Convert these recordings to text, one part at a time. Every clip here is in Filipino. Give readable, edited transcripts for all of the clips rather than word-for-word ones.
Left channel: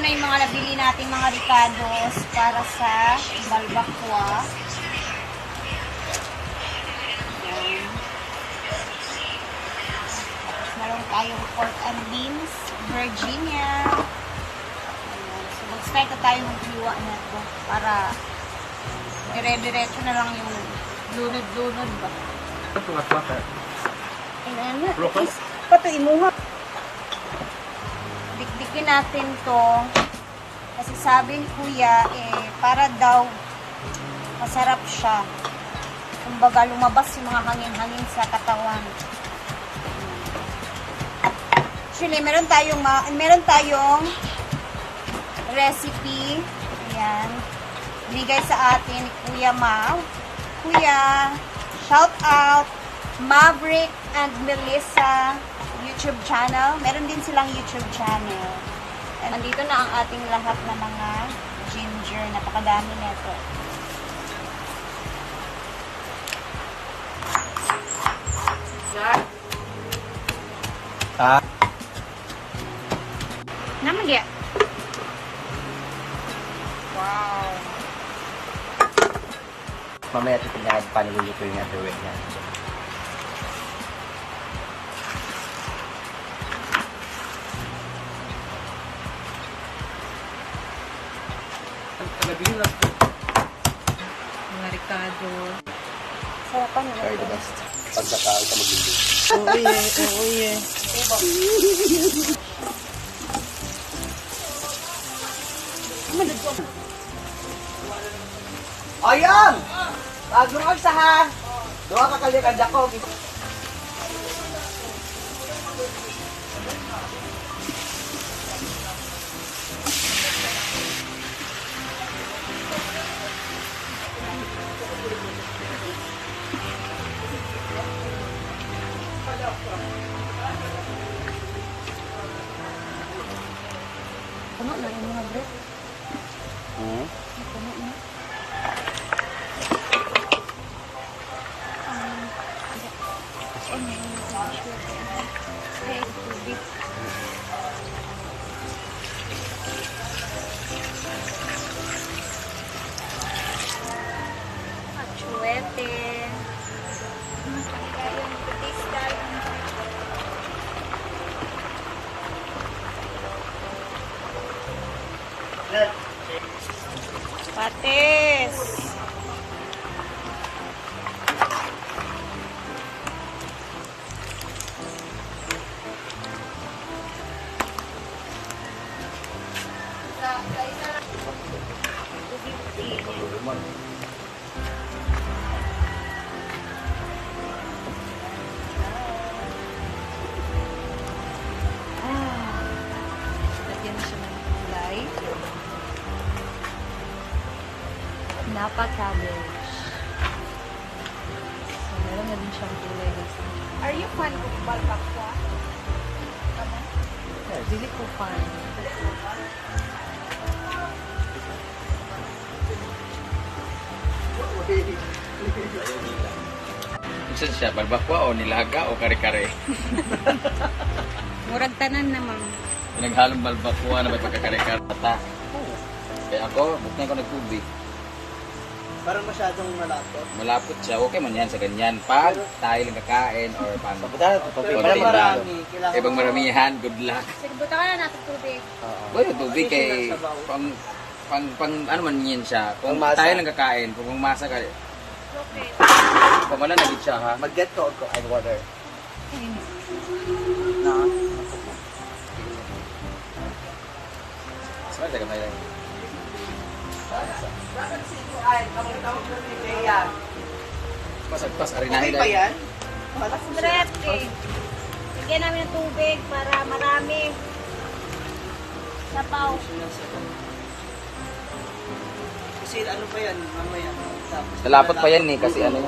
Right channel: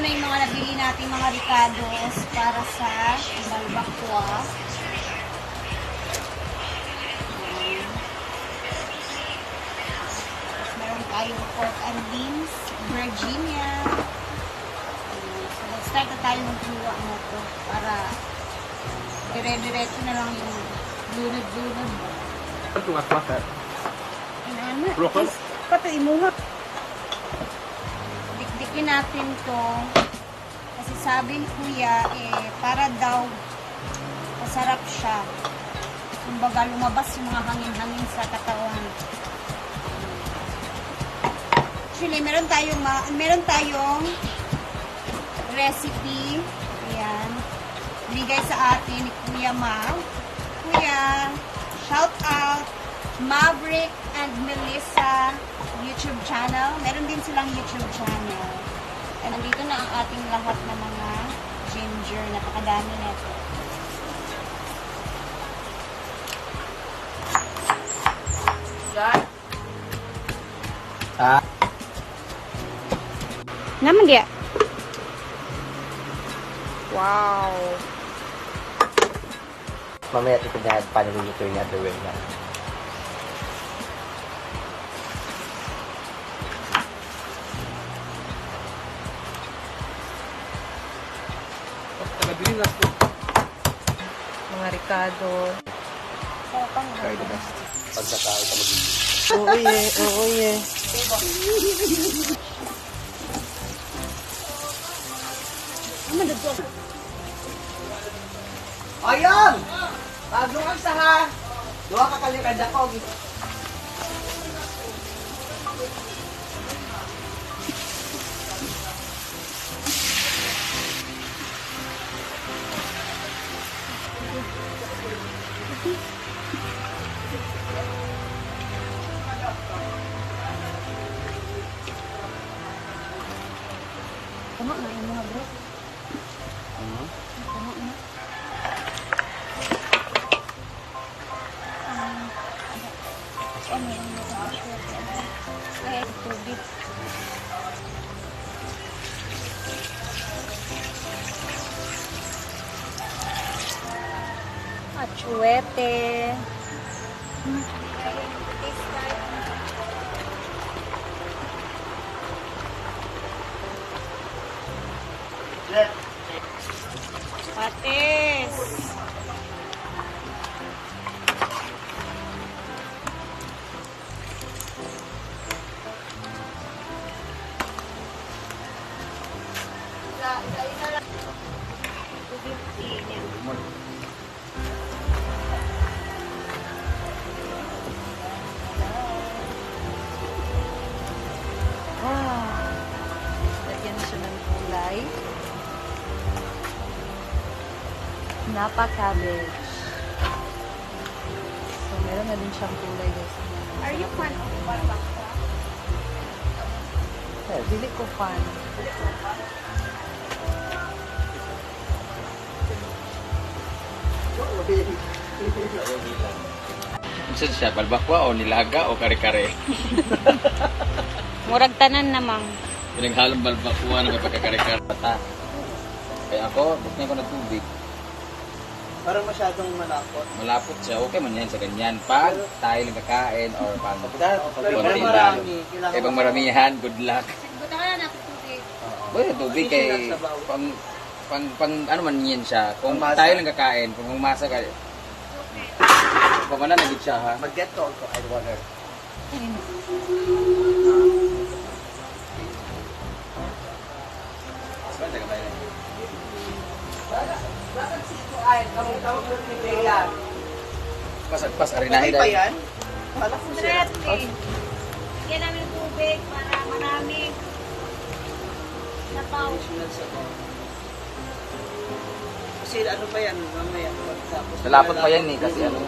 na yung mga nabili nating mga ricados para sa balbakwa. Ayan. Tapos meron tayong pork and beans, Virginia. Ayan. So mag-start na tayo maghiwa na ito para dire-diretso na lang yung lunod-lunod ba. Ayan. Pati imuha. Dikdikin natin to kasi sabi ni kuya para daw masarap siya. Kumbaga lumabas yung mga hangin-hangin sa katawan. Actually, meron tayong recipe. Ayan. Binigay sa atin ni Kuya Mal. Kuya, shout out Maverick and Melissa YouTube channel. Meron din silang YouTube channel. And nandito na ang ating lahat na mga ginger. Napakadami nito. Naman dia. Wow. Mamaya itinahad pa namin dito yung gagawin na. Mga ricado. Very the best. Oo ye. Ayan! Bagong agsahan! Doha ka kalikad ako. Puno na yung mga bread. Puno na. Ano yung natin aswerte? Ay, tubig. Aswerte. Patis. Lagyan mo siya ng gulay. Napa-cabbage. So, meron na din siyang gulay guys. Are you fond of balbakwa? Dili ko pa. Saan siya? Balbakwa o nilaga o kare-kare? Murag tanan namang. Pinaghalong balbakwa na may pagkakare-kare. Pata. Kaya ako, buksan ko ng tubig. Parang masyadong malapot. Malapot siya. Okay man yan sa ganyan. Pag tayo lang kakain or pang Pero konti parang lang. marami. Kailangan Eh, pang maramihan, good luck. Buta ka lang natin tubig. Bueno, tubig kay pang ano man yan siya. Kung tayo lang kakain, pag masa ka, pamana nagit siya ha. Mag-get ko ako. Ano ba? Pasagpas, Okay arinahin pa yan? Malak ko siya. Bigyan namin ng tubig para marami. Napaw. Kasi ano pa yan, mamaya. Tapos Nalapot pa yan eh, kasi ano.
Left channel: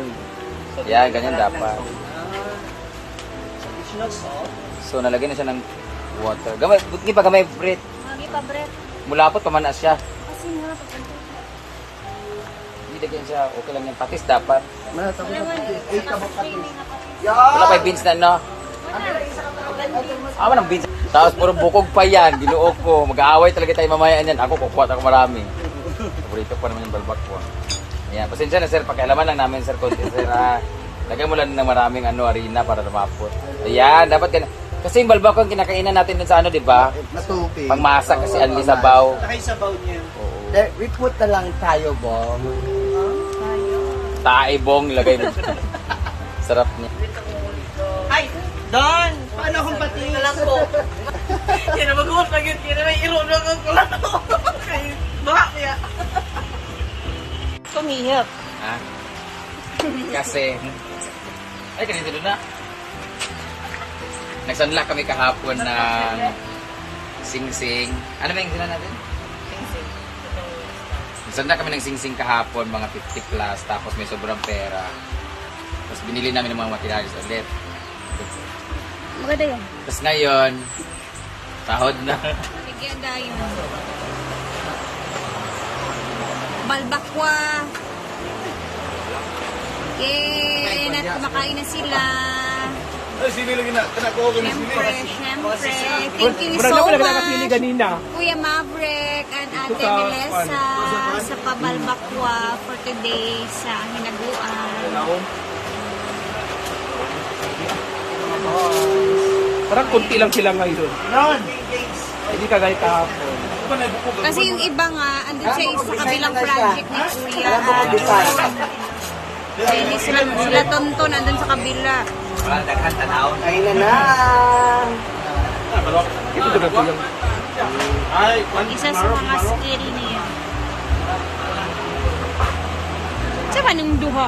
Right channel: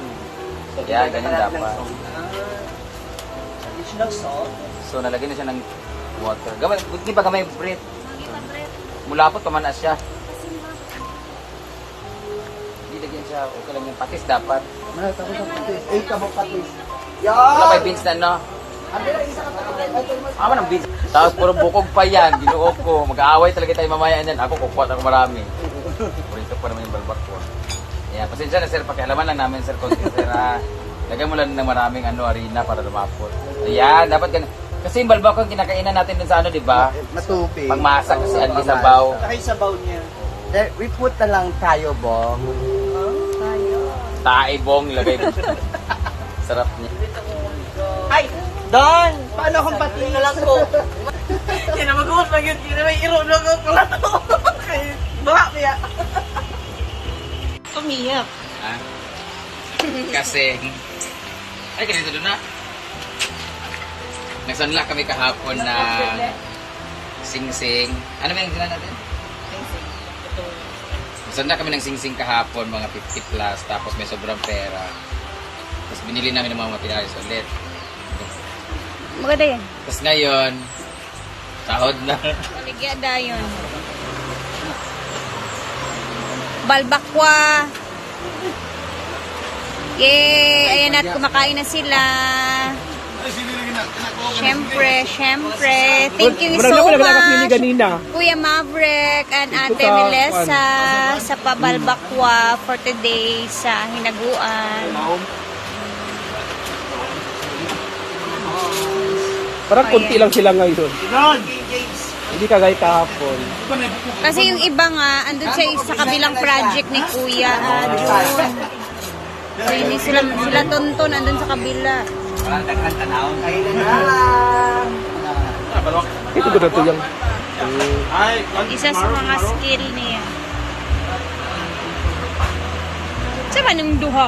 Kaya ganyan dapat. Additional salt. So nalagyan na siya ng water. Gaba, di pa gamay bread. Mga pa-break. Mulapot pamanas siya. Kasi mura pa kami. Ilagyan siya, okay lang yung patis dapat. Tapos sa patis. Ay, kabok patis. Wala kay beans na no? Tapos puro bukog pa yan, ginuot ko. Mag-aaway talaga tayo mamaya yan. Ako, kukuha ako marami. Paborito pa naman yung balbak ko. Ayan, pasensya na sir, pakialaman lang namin sir. Sir, lagay mo lang ng maraming arena para lumapot. Ayan, dapat ganun. Kasi yung balbak ko, kinakainan natin dun sa ano, di ba? Matupi. Pangmasa kasi ano yung sabaw. Saka yung sabaw niya. We put na lang tayo, Bong. Taibong, lagay mo. Sarap niya. Ay! Don! Paano akong patingin lang ko? Hindi na mag-uot lang yun. Hindi na may irulog ako. Baka niya. Tumingap. Ha? Kasi, ay ganito doon na. Nagsunlock kami kahapon ng sing-sing. Ano ba yung sila natin? Sing-sing. Ito. Nagsunlock kami ng sing-sing kahapon, mga 50 plus, tapos may sobrang pera. Tapos binili namin ng mga materials ulit. Maganda yan. Tapos ngayon, sahod na. Maligya dayon. Balbakwa. Yay! Ayan at kumakain na sila. Syempre. Thank you so much, Kuya Maverick and Ate Melissa sa pabalbakwa for today sa hinaguan. Parang kunti lang sila ngayon. Hindi kagaya kahapon. Kasi yung iba nga, andun sa kabilang project ni Kuya Jun. Hindi sila tonton, andun sa kabila. Ito doon ko yung... Isa sa mga skill niya. Sa manong duha?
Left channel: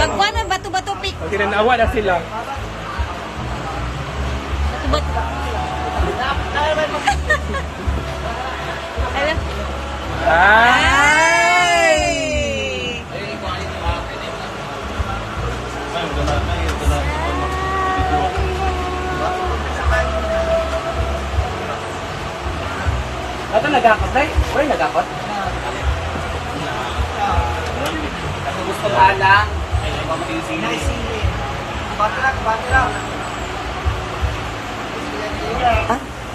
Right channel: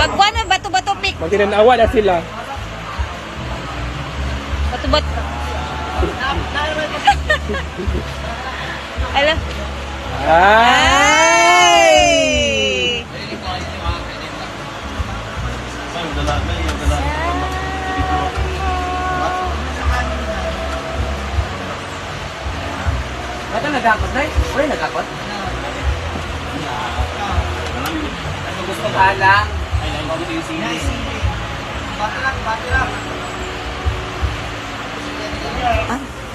Pagkuha na, bato-bato pick. Pag tinanawa na sila. Bato-bato. Hello? Ay! Ato nagakot na? Wala nagakot? Ano gusto ka na? Ay,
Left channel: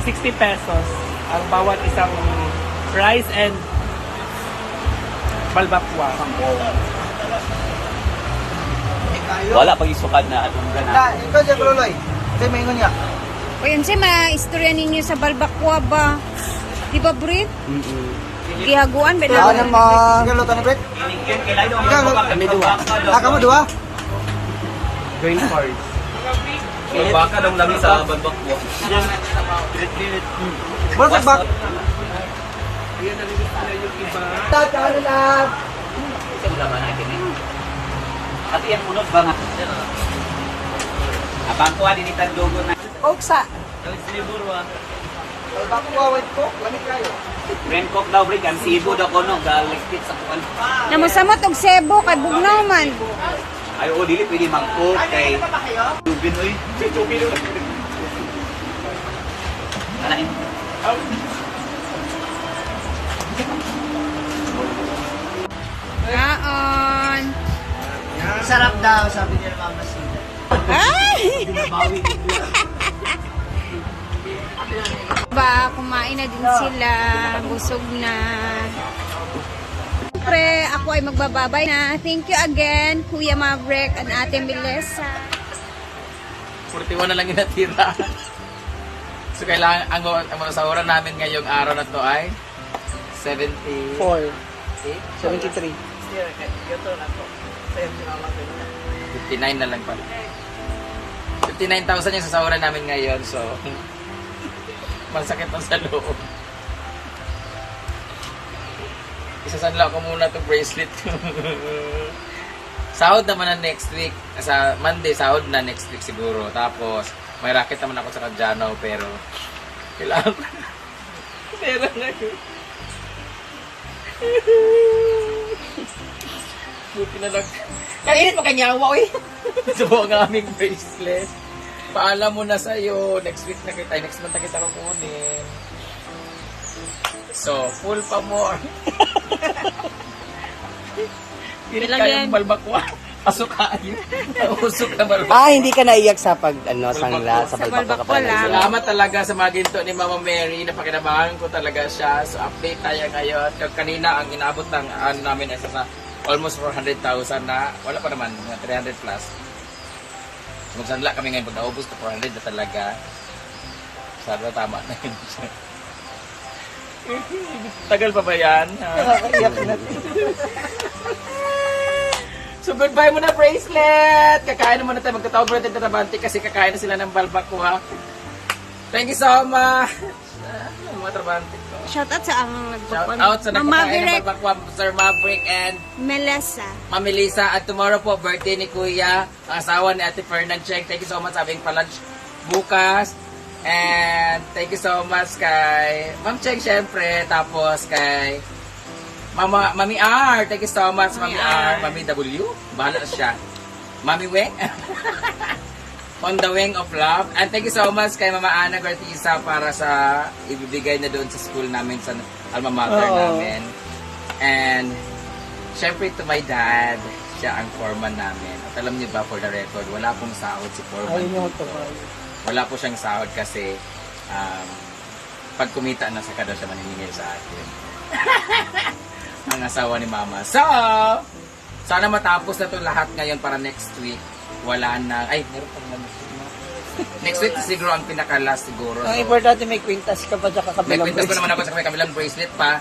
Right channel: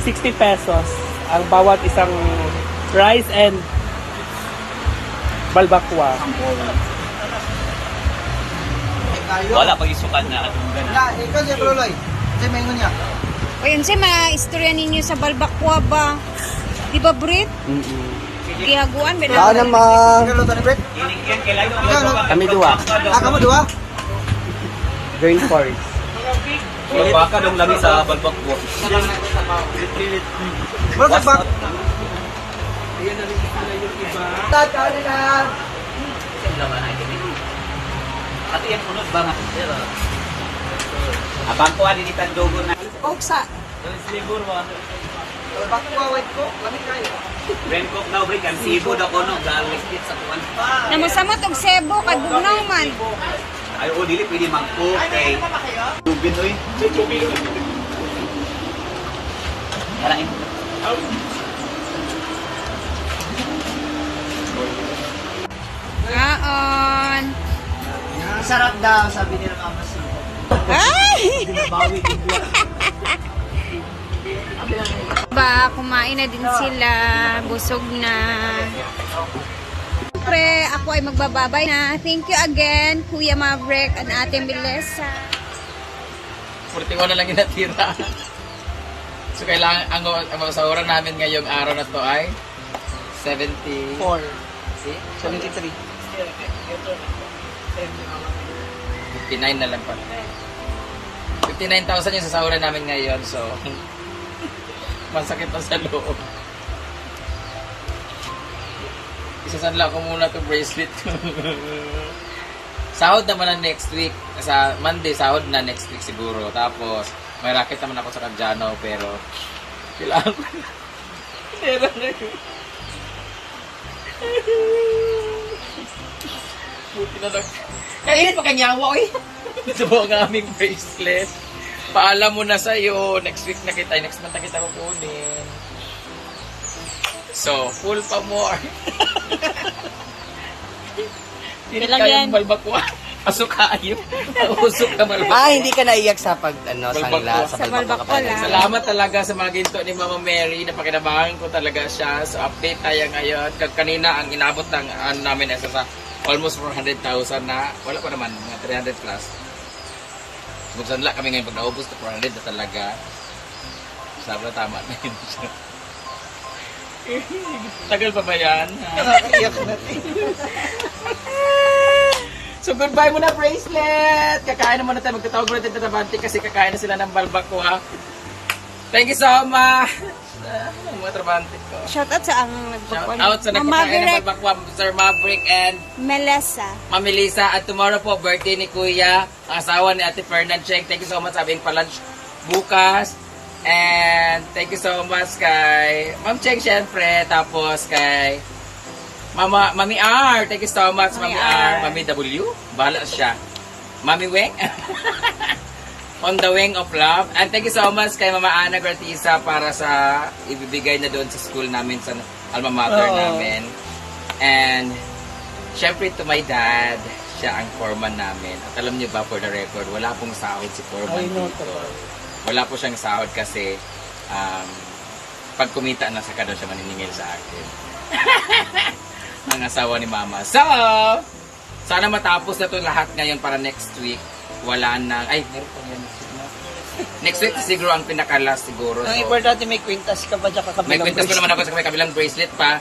60 pesos ang bawat isang rice and balbakwa. Wala pag isukan na atong gana. Ito siya, Bruloy. Ito yung menu niya. O yun siya, ma-istorya ninyo sa balbakwa ba? Di ba, Brit? Gihaguan ba na? Kami dua. Kamu dua? Very sorry. Yung baka dong labi sa balbak ko. Bakit bak? Ayan na rin sila yung iba. At yan unod ba nga? Abang ko din itandogo na. Oksa. Libon wa. Bakit ko? Lamig kayo. Ben ko mabrik ang sibo da kono galikit sa kan. Namusamot og sebo kay bugnaw man. Ay o dili pwede mag-cook kay. Dugin oy. Alain. Kaon. Sarap daw sabi ni Mama Sita. Ay! Bawi ko. Ba, kumain na din sila. Busog na. Siyempre, ako ay magbababay na. Thank you again, Kuya Maverick and Ate Melissa. 41 na lang yung natira. So kailangan, ang masahuran namin ngayong araw na to ay 74. 73. 59 na lang pala. 59,000 yung sasahuran namin ngayon. So, masakit na sa loob. Isasanla ko muna itong bracelet. Sahod naman na next week. Sa Monday, sahod na next week siguro. Tapos, may racket naman ako sa Caggiano, pero kailangan ko na. Pera na yun. Buti na lang. Kanina pa kanyawa, oy. Subo ang aming bracelet. Paalam mo na sa'yo. Next week na kita. Next month na kita kukunin. So, full pa more. Hindi Ilan yan? kayong balbakwa. Pasok kayo. Usok na balbak. Hindi ka naiyak sa pag, Balbakwa. sangla. Sa balbakwa lang. Salamat talaga sa mga ginto ni Mama Mary. Napakinabangan ko talaga siya. So update tayo ngayon. Kanina ang inabot ng namin isa sa almost 400,000 na. Wala pa naman, mga 300 plus. Kung sanla kami ngayon pag naubos ko 400 na talaga. Sana tama na yun. Tagal pa ba yan? So goodbye muna bracelet! Kakain na muna tayo. Magtatawag muna tayo ng Trabante kasi kakain na sila ng balbacoa. Thank you so much! Mga Trabante ko. Shoutout sa ang Shout nagpapal. out sa nagpakain ng balbacoa, Sir Maverick and Melissa. Ma'am Melissa. At tomorrow po, birthday ni Kuya, ang asawa ni Ate Fernand Cheng. Thank you so much sa aming pa-lunch bukas. And thank you so much kay Ma'am Cheng syempre. Tapos kay Mami R. Thank you so much, Mami R. Mami W. Bahala siya. Mami Weng. On the Wing of Love. And thank you so much kay Mama Ana Gartiza para sa ibibigay na doon sa school namin, sa alma mater namin. And syempre to my dad, siya ang foreman namin. At alam niyo ba, for the record, wala pong sahod si foreman dito. Wala po siyang sahod kasi pag kumita na saka daw siya maniningil sa akin. Ang asawa ni Mama. So, sana matapos na to lahat ngayon para next week. Wala na. Ay, meron pa yan. Next week siguro ang pinaka-last siguro. Ang So, importante may kwintas ka pa dyan may kwintas pa naman ako sa may kabilang bracelet pa.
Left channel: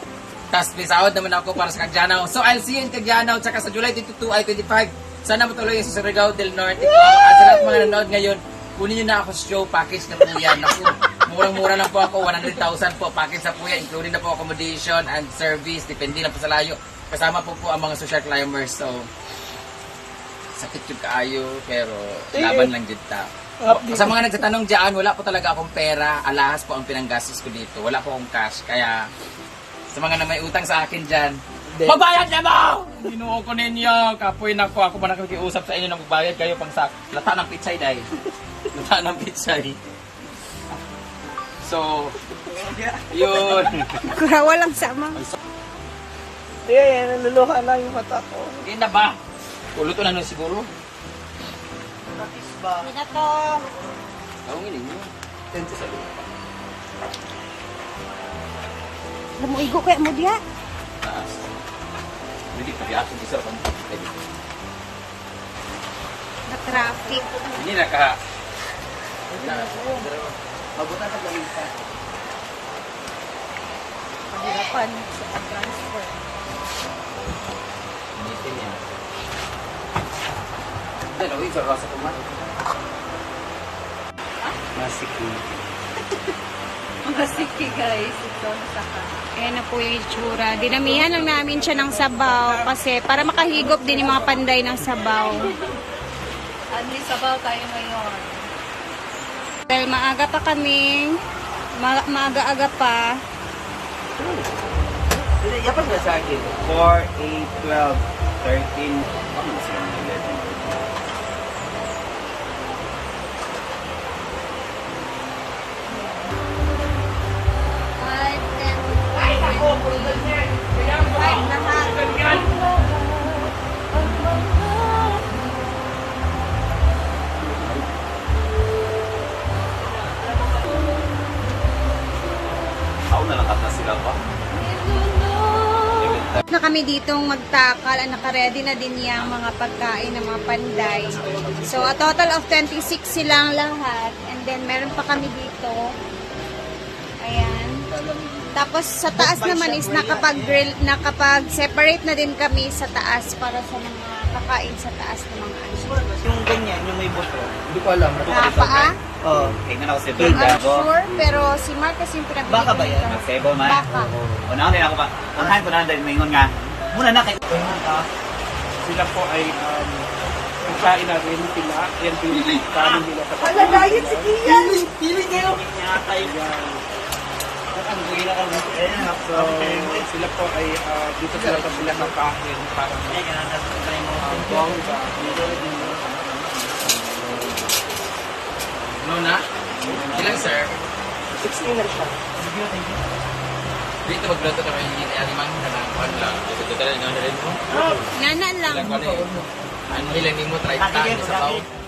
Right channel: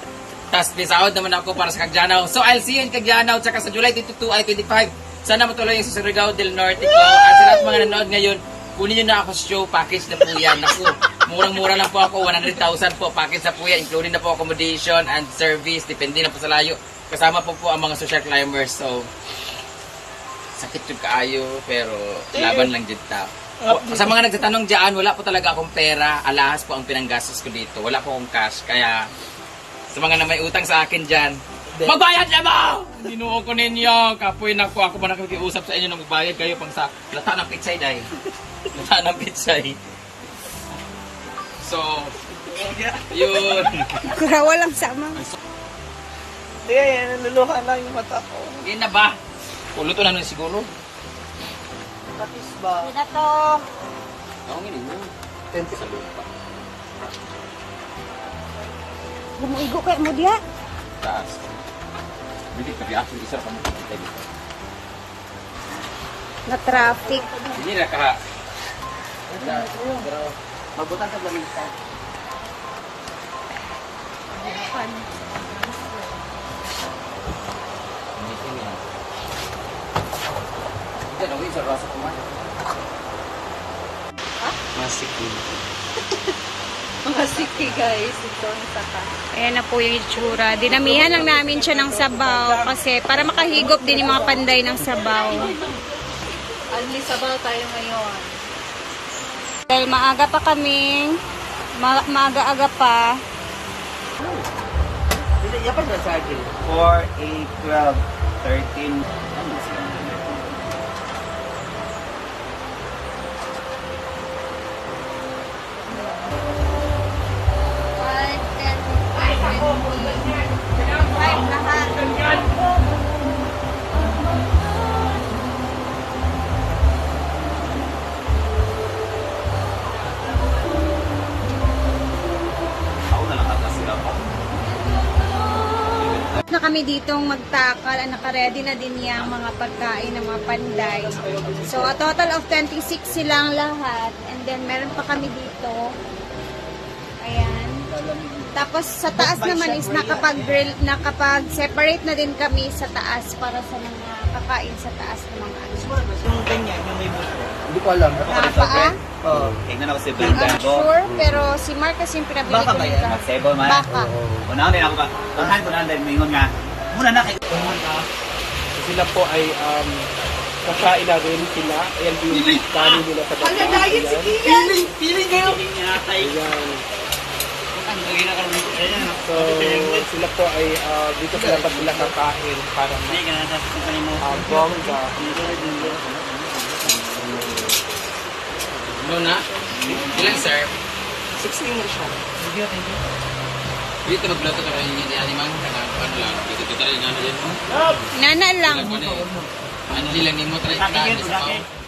Tapos may sahod naman ako para sa Kagjanaw. So I'll see you in Kagjanaw. Tsaka sa July 22 ay 25. Sana matuloy yung sa Surigao del Norte ko. At sa lahat mga nanonood ngayon, kunin nyo na ako sa show. Package na po yan. Naku, murang-mura lang po ako. 100,000 po. Package na po yan. Including na po accommodation and service. Depende na po sa layo. Kasama po po ang mga social climbers. So, sakit yung kaayo. Pero laban lang dyan ta. Sa mga nagtatanong dyan, wala po talaga akong pera. Alahas po ang pinanggastos ko dito. Wala po akong cash. Kaya, sa mga na may utang sa akin dyan, magbayad na mo! Dinuo ko ninyo. Kapoy na ako. Ako ba nakikiusap sa inyo na magbayad kayo pang sa lata ng pitsay dahil. Lata ng pitsay. So, yun. Walang sama. Hindi, naluluhan lang yung mata ko. Hindi na ba? Kuluto na nun siguro. Hindi na to. Ako nga ninyo. Sa lupa. Alam mo, igo kaya mo diya. Taas. Hindi ka biyakin isa ka na kita dito. Na-traffic. Hindi na ka. Pero, Mabutan sa lamisa. initin yan. Hindi, gawin sa rasa kumain. Masikin. Masiki guys. Ayan na po yung itsura. Dinamihan lang namin siya ng sabaw kasi para makahigop din yung mga panday ng sabaw. Only sabaw tayo ngayon. Dahil maaga pa kami, maaga-aga pa. Dapat ba sa akin? 4, 8, 12, 13. Kami na sila mga 11. Ako na lang sila pa. Na kami ditong magtakal, naka-ready na din yung mga pagkain ng mga panday. So, a total of 26 silang lahat. And then, meron pa kami dito. Ayan. Tapos, sa taas naman is nakapag-grill, nakapag-separate na din kami sa taas para sa mga kakain sa taas ng mga ano. Yung ganyan, yung may buto. Hindi ko alam. Paa? Oh. Tingnan ako si I'm Brenda. unsure, pero si Mark kasi yung pinabili Baka ko ba nito. yan? Table man. Baka. Unahan din ako pa. Unahan ko na din. Mingon nga. Muna na kay Sila po ay pagkain na rin sila. Ayan yung kanin nila sa Piling kayo! Ayan. Ang buhay na karoon. So, sila po ay dito sila pag sila ng kain para bongga. Luna? Ilang sir? 16 na siya. Dito magluto ito rin yung animang kanang pan lang. Dito lang nga na rin mo. Nana lang. Ilang pa na eh. Ano lang, hindi mo try Pagkakigin, sa pagkakigin.